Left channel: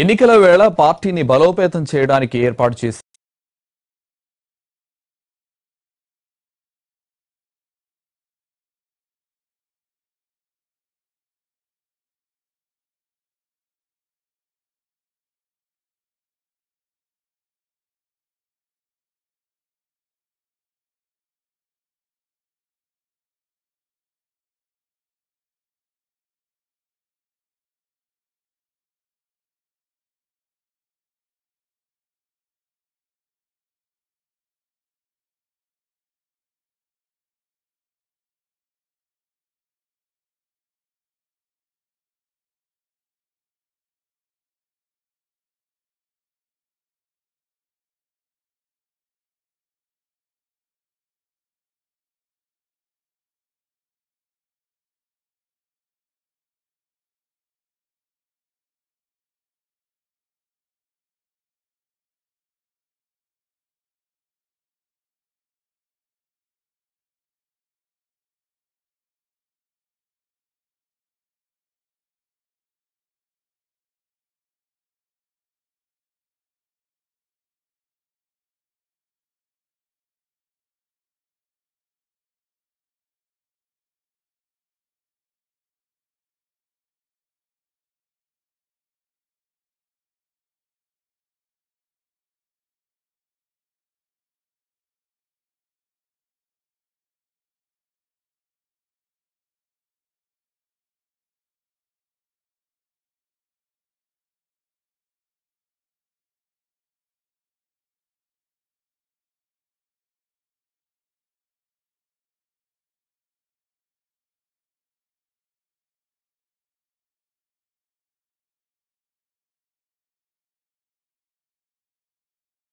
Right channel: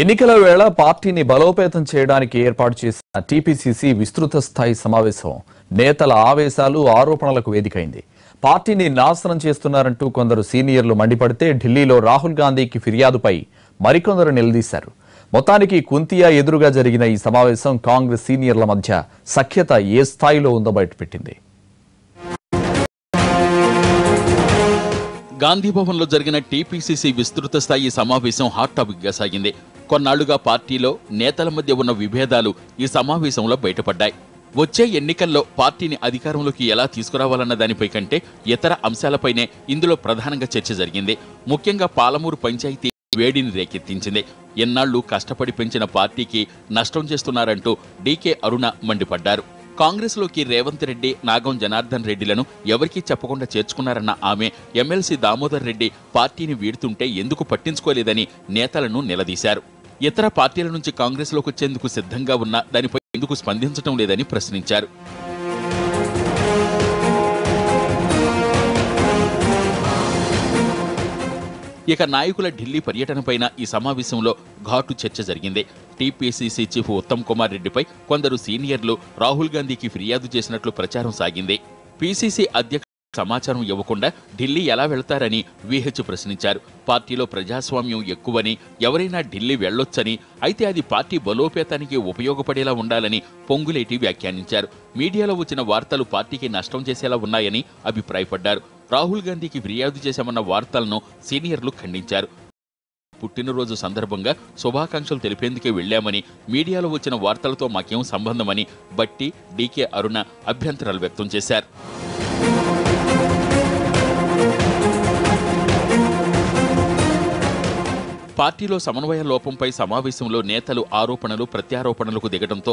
ఎన్నికల వేళ పార్టీని బలోపేతం చేయడానికి ఏర్పాటు చేసిన టీపీసీసీ విస్తృత స్థాయి సమావేశం నేతల ఆవేశాలు ఆరోపణలకు వేదికైంది. పార్టీని నాశనం చేస్తున్నారంటూ కొందరు సీనియర్లు మండిపడితే ఢిల్లీలో రాహుల్ గాంధీకి ఫిర్యాదుపై మరికొందరు నిలదీశారు. మొత్తానికి కుంతియా ఎదురుగా జరిగిన ఈ సమావేశం కాంగ్రెస్ సీనియర్ల మధ్య సఖ్యత ఏ స్థాయిలో ఉందో బయటపెట్టింది. గాంధీభవన్లో జరిగిన టీపీసీసీ విస్తృత స్థాయి సమావేశం హాట్ టాపిక్గా సాగింది. కొన్నాళ్లుగా పార్టీలో నేతల మధ్య ఉన్న విభేదాలు ఈ సమావేశంలో బయటపడ్డాయి. వచ్చే ఎన్నికల్లో పార్టీని అధికారంలోకి ఎలా తీసుకురావాలన్న దానిపై కంటే ఇతర అంశాలపైనే ఇందులో ప్రధానంగా చర్చ జరిగింది. ముఖ్యంగా పాలమూరు పంచాయతీ వేడిని రేకెత్తించింది. ఎన్నాళ్లు కష్టపడి పెంచిన పార్టీకి నష్టం చేస్తున్నారంటూ డీకే అరుణ మండిపడ్డారు. కాంగ్రెస్లోకి రేవంత్ రెడ్డి, నాగం జనార్దన్ రెడ్డిలను ఎవరికీ చెప్పకుండా చేర్చుకున్నారన్న ఆమె ఎమ్మెల్సీ దామోదర్ రెడ్డి పార్టీని వీడుతుంటే ఎందుకు పట్టించుకోలేదని నేతలను నిలదీశారు. ఇతర పార్టీల నుంచి కాంగ్రెస్లోకి వచ్చేందుకు సిద్ధంగా ఉన్న దానిపై ఎందుకు స్పందించడం లేదని ప్రశ్నించారు. ఇక నాయకుల ఢిల్లీ పర్యటనపైన ఈ సమావేశంలో ఘాటు చర్చ జరిగింది. టీపీసీసీ చీఫ్ ఉత్తమ్ కుమార్ రెడ్డిపై కొందరు సీనియర్లు రాహుల్ గాంధీకి ఫిర్యాదు చేసినట్లు ప్రచారం సాగింది. పీసీసీ అధ్యక్షుడు సమాచారం ఇవ్వకుండా ఢిల్లీ ఎలా వెళ్తారని వీహెచ్ ప్రశ్నించారు. పార్టీలో ప్రజాస్వామ్యం ఎక్కువని, ఎవరైనా ఢిల్లీ వెళ్లొచ్చని, అయితే అది పార్టీ బలోపేతానికి ఉపయోగపడేలా ఉండాలని పొంగులేటి వ్యాఖ్యానించారు. మీడియాలో వచ్చిన వార్తలు పార్టీకి నష్టం చేసేలా ఉన్నాయని అభిప్రాయపడ్డారు. రాహుల్ గాంధీకి ఫిర్యాదు చేశామన్న వార్తలను సీనియర్లు ఖండించారు. పుట్టినరోజు సందర్భంగా శుభాకాంక్షలు తెలిపేందుకే వెళ్లామని, మీడియాలో వచ్చిన వార్తలతో మాకేం సంబంధమని బట్టి, డీకే అరుణ అభ్యంతరాలు వ్యక్తం చేశారు. పార్టీలో సమన్వయ లోపంపై సమావేశంలో నేతలు ఆరోపణలు ప్రత్యారోపణలకు దిగడంతో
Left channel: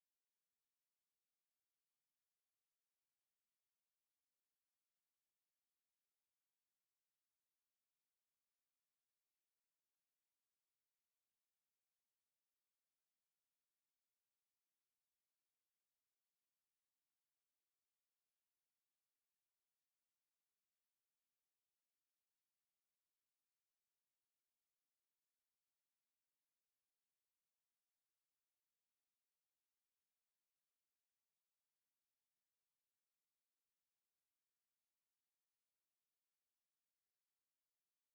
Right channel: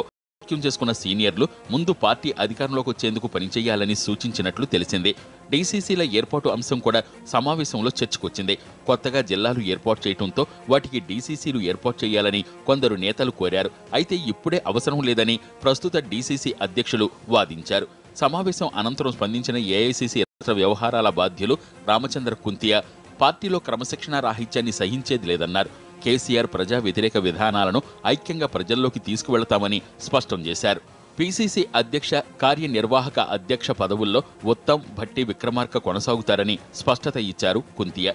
చేసుకున్న సీనియర్లు ముందు పార్టీ అధికారంలోకి వచ్చేందుకు పనిచేయాలని సూచించినట్లు తెలిసింది. డీసీసీల ఏర్పాటు అంశం కూడా సమావేశంలో చర్చకొచ్చింది. కొత్తగా జిల్లాలు ఏర్పాటు చేయడంతో వాటికి డీసీసీలు ఏర్పాటు చేయాలని కొందరు నేతలు కోరారు. అయితే ఇప్పుడే అవసరం లేదని ప్రస్తుత డీసీసీ అధ్యక్షులు వాదించారు. సమావేశం అనంతరం స్పందించిన ఏఐసీసీ రాష్ట్ర వ్యవహారాల బాధ్యులు రామచంద్ర కుంతియా పార్టీలో క్రమశిక్షణ రాహిత్యాన్ని సహించేది లేదన్నారు. కేసీఆర్ ప్రజా వ్యతిరేక విధానాలను ఐక్యంగా ప్రజల్లోకి తీసుకువెళతామని స్పష్టం చేశారు. పీసీసీ అధ్యక్ష, కార్యనిర్వాహక అధ్యక్ష పదవుల్లో ఉత్తమ్, భట్టి విక్రమార్క కొనసాగుతారని స్పష్టత ఇచ్చారు కుంతియా.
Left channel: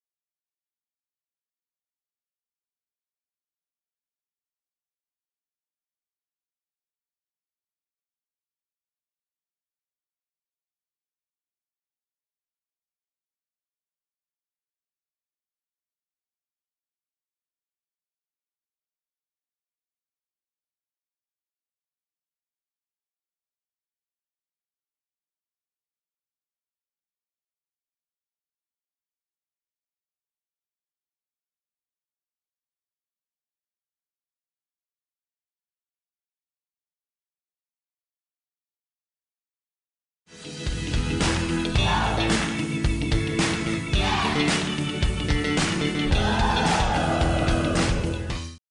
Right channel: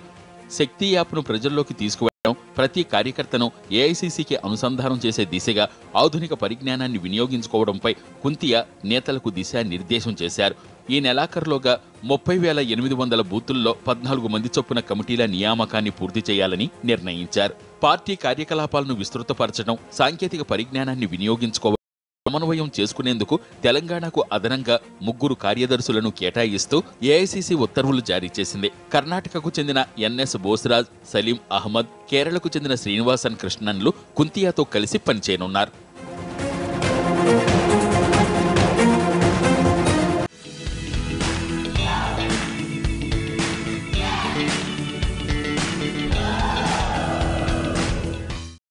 శక్తి యాప్ను ప్రజల్లోకి తీసుకువెళ్లడం, ప్రతి కార్యకర్తను ఏఐసీసీకి అనుసంధానం చేసే దిశగా ఆధునిక పరిజ్ఞానాన్ని వినియోగించుకోవడంపై కుంతియా నేతలకు దిశానిర్దేశం చేశారు. ఈ నెలాఖరులోగా 30,800 బూతుల్లో 14 మంది చొప్పున కమిటీల నియామకాన్ని పూర్తి చేయాలని నిర్ణయించారు. పార్టీ కార్యకలాపాలను విస్తృతపరచడం, సాంకేతిక పరిజ్ఞానాన్ని వినియోగించుకోవడం, సమన్వయం చేసుకునేందుకు తెలంగాణకు అదనంగా 3 కార్యదర్శులను కేటాయిస్తూ ఏఐసీసీ ఉత్తర్వులు జారీ చేసింది. కర్ణాటకకు చెందిన ఎన్ఎస్ బోస్రాజ్, సలీం అహ్మద్, కేరళకు చెందిన శ్రీనివాసన్ కృష్ణన్లు కుంతియాతో కలిసి పనిచేయనున్నారు.